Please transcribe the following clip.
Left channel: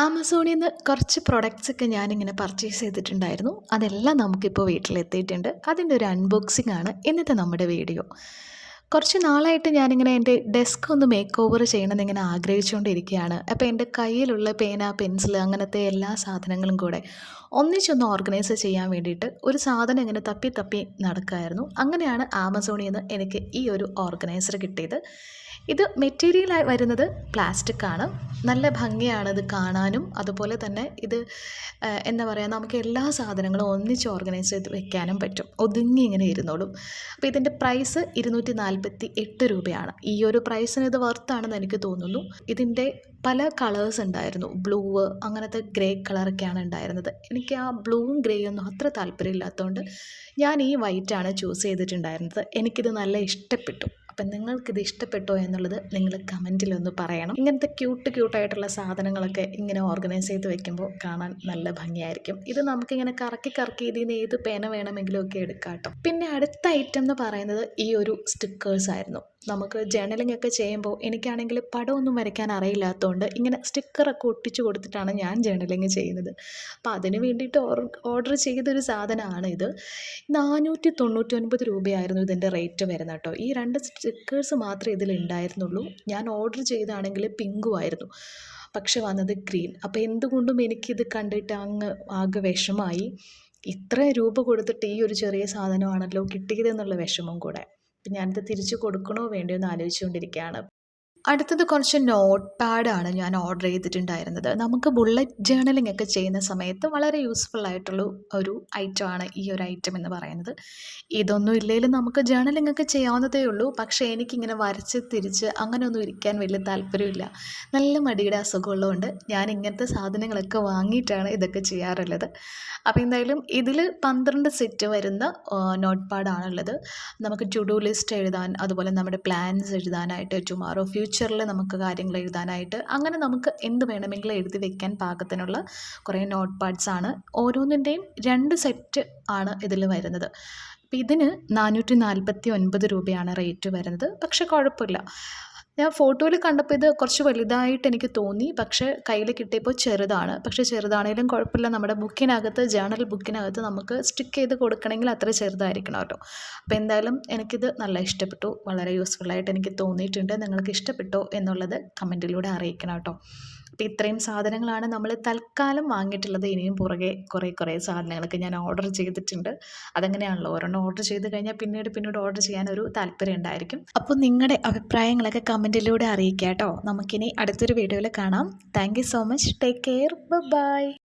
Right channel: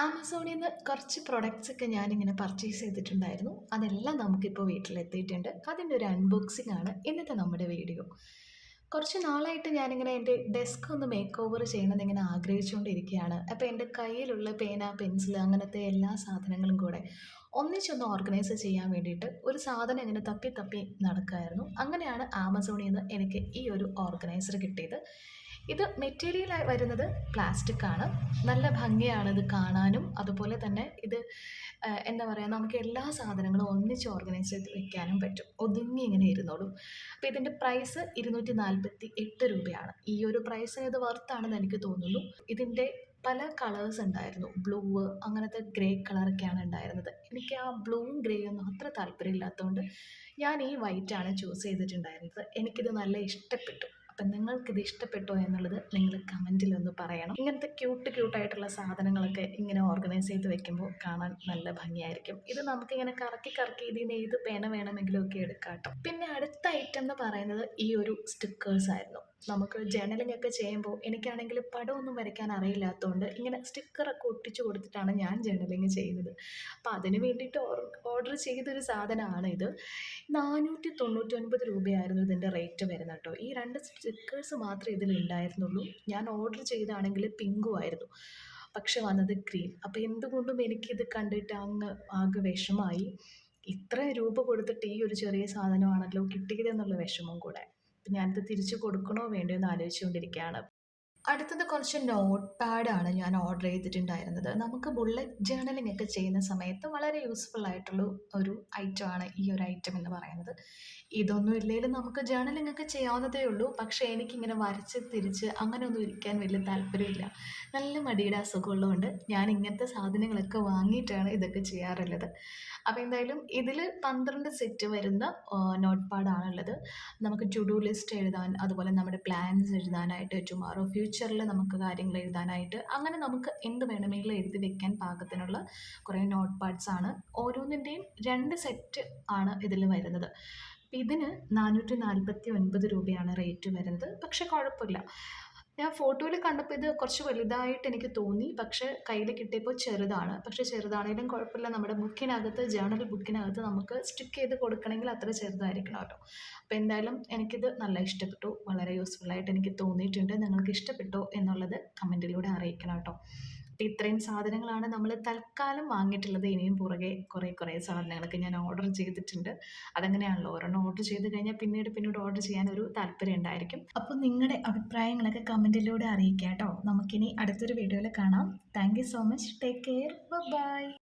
ആമസോണിൽ നിന്ന് കുറച്ച് പ്രൊഡക്ട്സ് ഒക്കെ ഞാനിങ്ങനെ പർച്ചേസ് ചെയ്തിട്ടുണ്ടായിരുന്നു. അതെല്ലാം നമുക്കിപ്പോൾ വീട്ടിലെത്തിയിട്ടുണ്ട്. അതിന്റെ ഒരു അൺബോക്സിംഗ് ആണ് ഇന്നത്തെ നമ്മുടെ വീഡിയോ. കുറച്ച് നാളായിട്ട് ഞാനിങ്ങനെ എന്റെ ഡെസ്ക് ഒന്ന് മേക്ക് ഓവർ ചെയ്യണമെന്ന് ഇങ്ങനെ ആഗ്രഹിച്ചുകൊണ്ടിരിക്കുകയാണ്. അപ്പോൾ എന്റെ കയ്യിലുള്ള പേന പെൻസിൽ അങ്ങനത്തെ എല്ലാ സാധനങ്ങളും കൂടെ ഒന്നിച്ചൊന്ന് ഓർഗനൈസ് ചെയ്യാൻ വേണ്ടിയിട്ട് ഒരു സാധനം ഇങ്ങനെ തപ്പി തപ്പി നടക്കുമായിരുന്നു അങ്ങനെയാണ് ആമസോണിൽ നിന്ന് എനിക്ക് ഈ ഒരു ഓർഗനൈസർ കിട്ടിയത്. ഇത് മെറ്റീരിയലായി വരുന്നത് പ്ലാസ്റ്റിക് ആണ്. നല്ല ഭംഗിയാണ് ഇത് കാണാനും. അതുപോലെ തന്നെ ഇത് എന്താ പറയുക നമുക്ക് എല്ലാ സാധനങ്ങളും ഒന്നിച്ച് ഓർഗനൈസ് ചെയ്ത് വെക്കാനും പറ്റും. ഒതുങ്ങി ഇങ്ങനെ ഇരുന്നോളും. അപ്പോൾ ഇതിന്റെ പ്രൈസ് ഇരുന്നൂറ്റി നാൽപ്പത്തി എട്ട് രൂപയാണ്. ഈ ഒരു പ്രൈസിന് ഇത് വർത്താണെന്ന് എനിക്ക് തോന്നുന്നു. ഇതിന്റെ പല കളേഴ്സ് ഉണ്ടായിരുന്നു. ബ്ലൂ അങ്ങനത്തെ ഗ്രേ കളറൊക്കെയാണ് ഉണ്ടായിരുന്നത്. എനിക്ക് ആ ബ്ലൂവും ഗ്രേയൊന്നും അത്ര താല്പര്യമില്ലാത്തതുകൊണ്ട് ഞാൻ ഈ വൈറ്റാണ് ചൂസ് ചെയ്തിട്ടുണ്ടായിരുന്നത്. എനിക്കിത് നല്ല ഇഷ്ടപ്പെട്ടു. അപ്പം നിങ്ങൾക്കിത് ഇഷ്ടപ്പെട്ടോ എന്നുള്ളത് നിങ്ങൾ കമന്റിലൊന്ന് പറയണം. ഇങ്ങനത്തെ ക്യൂട്ട് ക്യൂട്ടായിട്ടുള്ള സാധനങ്ങളൊക്കെ ഇങ്ങനെ ഓർഗനൈസ് ചെയ്ത് വെക്കുമ്പോൾ കാണാൻ നല്ല ഭംഗിയായിരിക്കും. ഇത് നമുക്കിങ്ങനെ കറക്കി കറക്കി ഇതിൽ നിന്ന് ഏത് പേന വേണമെങ്കിലും ഒക്കെ എടുക്കാം കേട്ടോ. പിന്നെ അടുത്ത ഐറ്റം എന്ന് പറയുന്നത് ഈ ഒരു സ്റ്റിക്കേഴ്സ് ആയിരുന്നു. നമുക്ക് ജേണലിംഗ് ഒക്കെ ചെയ്യുമ്പോൾ എനിക്കാണെങ്കിൽ പടമൊന്നും വരയ്ക്കാൻ അറിയില്ലാത്തതുകൊണ്ട് ഇങ്ങനെ സ്റ്റിക്കറൊക്കെ ഒട്ടിച്ചു കൊടുത്തിട്ടാണ് ഞാൻ ജേണലിംഗ് ചെയ്യുന്നത്. അപ്പോൾ അതിന് വേണ്ടിയിട്ട് ഓർഡർ ചെയ്തൊരു സാധനമാണ് ഇത് നാനൂറ്റി തൊണ്ണൂറ്റി ഒൻപത് രൂപയായിരുന്നു ഇതിന്റെ റേറ്റ് വരുന്നത് കേട്ടോ. ഈ രണ്ട് സ്റ്റിക്കേഴ്സ് മാത്രമേ ഇതിൽ ഉണ്ടായിരുന്നുള്ളൂ. ഞാൻ ഓർഡർ ചെയ്താണെങ്കിൽ പിങ്കും ആയിരുന്നു. പക്ഷെ വന്നത് ഗ്രീൻ അപ്പോൾ എന്തുകൊണ്ടും എനിക്കിത് കണ്ടിട്ട് അങ്ങ് ആകെ വിഷമായി. ഇത്ര രൂപ കൊടുത്തിട്ട് ഈ ഒരു ചെറിയ സാധനമാണല്ലോ കിട്ടിയതെന്നുള്ള വിഷമം കൂടെ. ഞാനിത് തിരിച്ചു കൊടുക്കണോ വേണ്ടയോ എന്ന് ആലോചിച്ചുകൊണ്ടിരിക്കുകയാണ്. അടുത്തത് കുറച്ച് നോട്ട് പാഡാണ് ഞാൻ ഓർഡർ ചെയ്തിട്ടുണ്ടായിരുന്നത്. നമുക്ക് ബുള്ളറ്റ് ജേണലിംഗ് ഒക്കെ ചെയ്യുന്ന സമയത്ത് വളരെ യൂസ്ഫുൾ ആയിട്ടുള്ള ഒരു ഐറ്റമാണ് ഈ ഒരു ഐറ്റം എന്ന് പറയുന്നത്. ഇതൊന്നും ഇല്ലെങ്കിലും നമുക്ക് ജേണലിംഗ് ഒക്കെ ചെയ്യാവുന്നതേ ഉള്ളൂ. പക്ഷേ എനിക്കിങ്ങനെ വരച്ച് തിരിച്ച് അങ്ങനെയൊന്നും ഇരിക്കാൻ വലിയ താല്പര്യമില്ല. നല്ല മടിയുടെ അസുഖമുള്ളതുകൊണ്ട് ഞാൻ ഇങ്ങനത്തെ സാധനങ്ങളൊക്കെ വാങ്ങിയിട്ടാണ് ഇതൊക്കെ ചെയ്യാറുള്ളത്. അപ്പോൾ എന്തായാലും ഇതിൽ പന്ത്രണ്ട് സെറ്റ് വരുന്ന നോട്ട് പാഡാണുള്ളത് നമുക്ക് ടു ഡു ലിസ്റ്റ് എഴുതാൻ അതുപോലെ നമ്മുടെ പ്ലാൻസ് എഴുതാനായിട്ട് ടുമാറോ ഫ്യൂച്ചറിൽ നമുക്ക് കാര്യങ്ങൾ എഴുതാനായിട്ട് അങ്ങനെ നമുക്ക് എന്ത് വേണമെങ്കിലും എഴുതി വെക്കാൻ പാകത്തിനുള്ള കുറേ നോട്ട് പാഡ്സ് ആണ്. ഓരോന്നിന്റെയും രണ്ട് സെറ്റ് ആണ് ഇതിൽ വരുന്നത്. അപ്പോൾ ഇതിന് നാനൂറ്റി നാൽപ്പത്തി ഒൻപത് രൂപയാണ് റേറ്റ് വരുന്നത്. പക്ഷേ കുഴപ്പമില്ല. ഞാൻ ഫോട്ടോയിൽ കണ്ടപ്പോൾ ഇത് കുറച്ച് വലുതായിട്ട് എനിക്ക് തോന്നി. പക്ഷേ കയ്യിൽ കിട്ടിയപ്പോൾ ചെറുതാണ്. പക്ഷേ ചെറുതാണേലും കുഴപ്പമില്ല. നമ്മുടെ ബുക്കിനകത്ത് ജേണൽ ബുക്കിനകത്ത് നമുക്ക് സ്റ്റിക്ക് ചെയ്ത് കൊടുക്കണമെങ്കിൽ അത്ര ചെറുതായിരിക്കണം കേട്ടോ. അപ്പോൾ എന്തായാലും എനിക്കിത് നല്ല ഇഷ്ടപ്പെട്ടു. വളരെ യൂസ്ഫുള്ളായിട്ട് എനിക്ക് തോന്നിയിട്ടുണ്ട്. നിങ്ങൾക്ക് ഇഷ്ടപ്പെട്ടോ എന്നുള്ളത് കമന്റിലൂടെ അറിയിക്കണം കേട്ടോ. അപ്പോൾ ഇത്രയും സാധനങ്ങളാണ് നമ്മൾ തൽക്കാലം വാങ്ങിയിട്ടുള്ളത്. ഇനിയും പുറകെ കുറേ കുറേ സാധനങ്ങളൊക്കെ ഞാൻ ഓർഡർ ചെയ്തിട്ടുണ്ട്. അതങ്ങനെയാണല്ലോ. ഒരെണ്ണം ഓർഡർ ചെയ്ത് കഴിഞ്ഞാൽ പിന്നീട് പിന്നീട് ഓർഡർ ചെയ്യാൻ ഒരു താല്പര്യം ഉണ്ടായിരിക്കും. അപ്പോൾ നിങ്ങളുടെ അഭിപ്രായങ്ങളൊക്കെ കമന്റിലൂടെ അറിയിക്കാം കേട്ടോ നമുക്കിനി അടുത്തൊരു വീഡിയോയിൽ കാണാം. Thank so much take care bye